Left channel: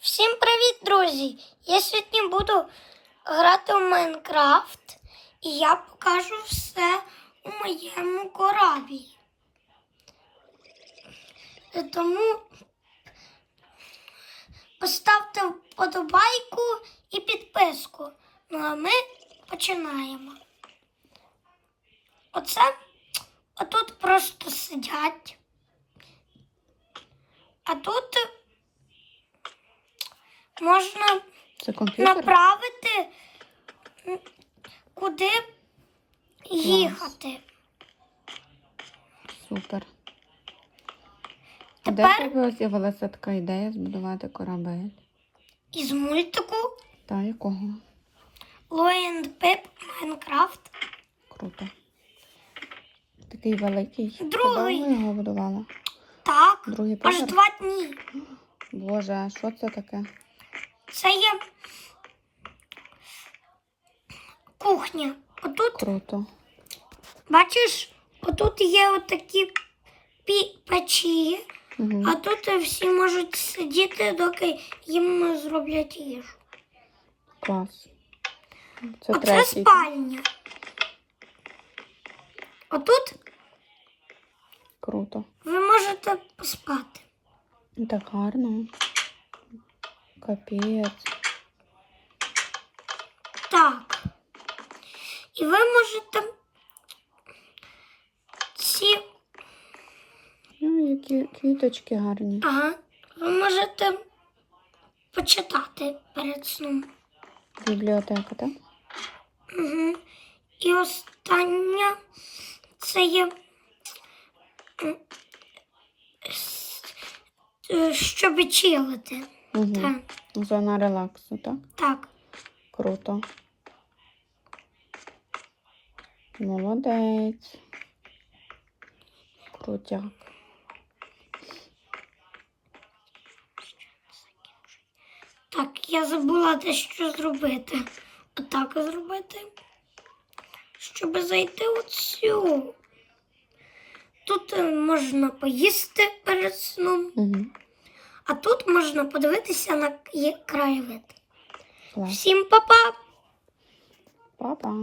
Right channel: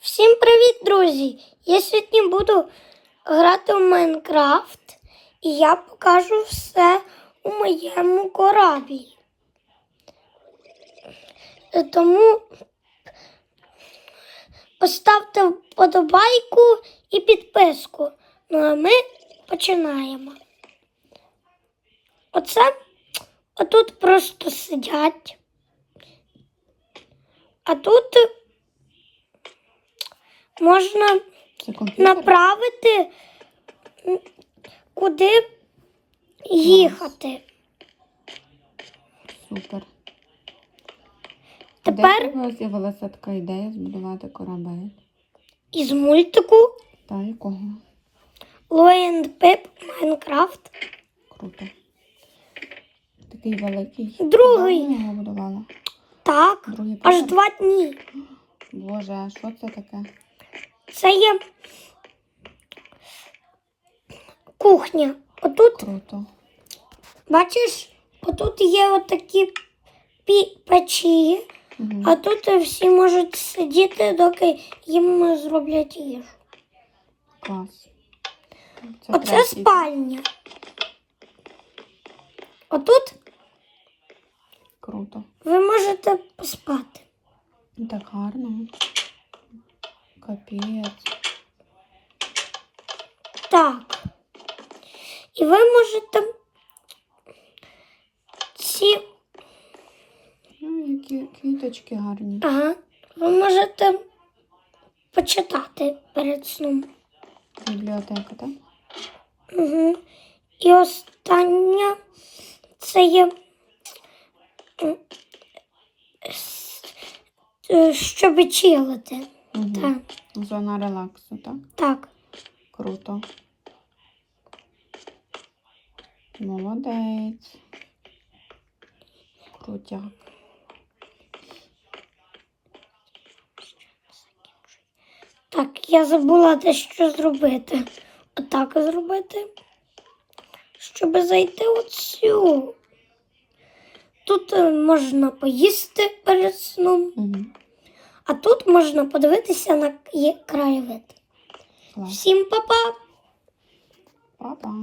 Всім привіт, друзі! Я сьогодні буду грати в Майнкрафт і я покажу все у моєму кораблі. Тому поставте вподобайку і підписку. Ну а ми починаємо. Оце отут просто сидять. А тут можна направити, куди їхати. Супер. Тепер- Де з'явилася така ідея збудувати корабель? Із мультику Та якого? And Pip Майнкрафт. Круто. Такий великий. Другий. Давно його будувала. Так, Другий аж два дні. Боже, а що це таке? Це є кухня. Отут, Круто. бачиш, отут є отакі печі, Угу. а тут всі можуть сидіти, доки їм зроблять їжу. Клас. Це Оце третій. спальня. Отут Круто. ви можете поспати. Так гарно. Капець. Так. І ви можете ці. Ну, які квіточки гарні. Ага. Ви можете почитати перед сном. Бібліотека, так? Угу. І остання це є. м, е, Щоб чилити. Угу. Так. Зона релаксу, так? Так. Круто. Молодець. Крутяк. Так, я забула дещо зробити. Отак зробити. Щоб зайти у цю. Тут е, можна поїсти перед сном, Угу. А тут можна подивитися на краєвид. Всім па-па! Па-па.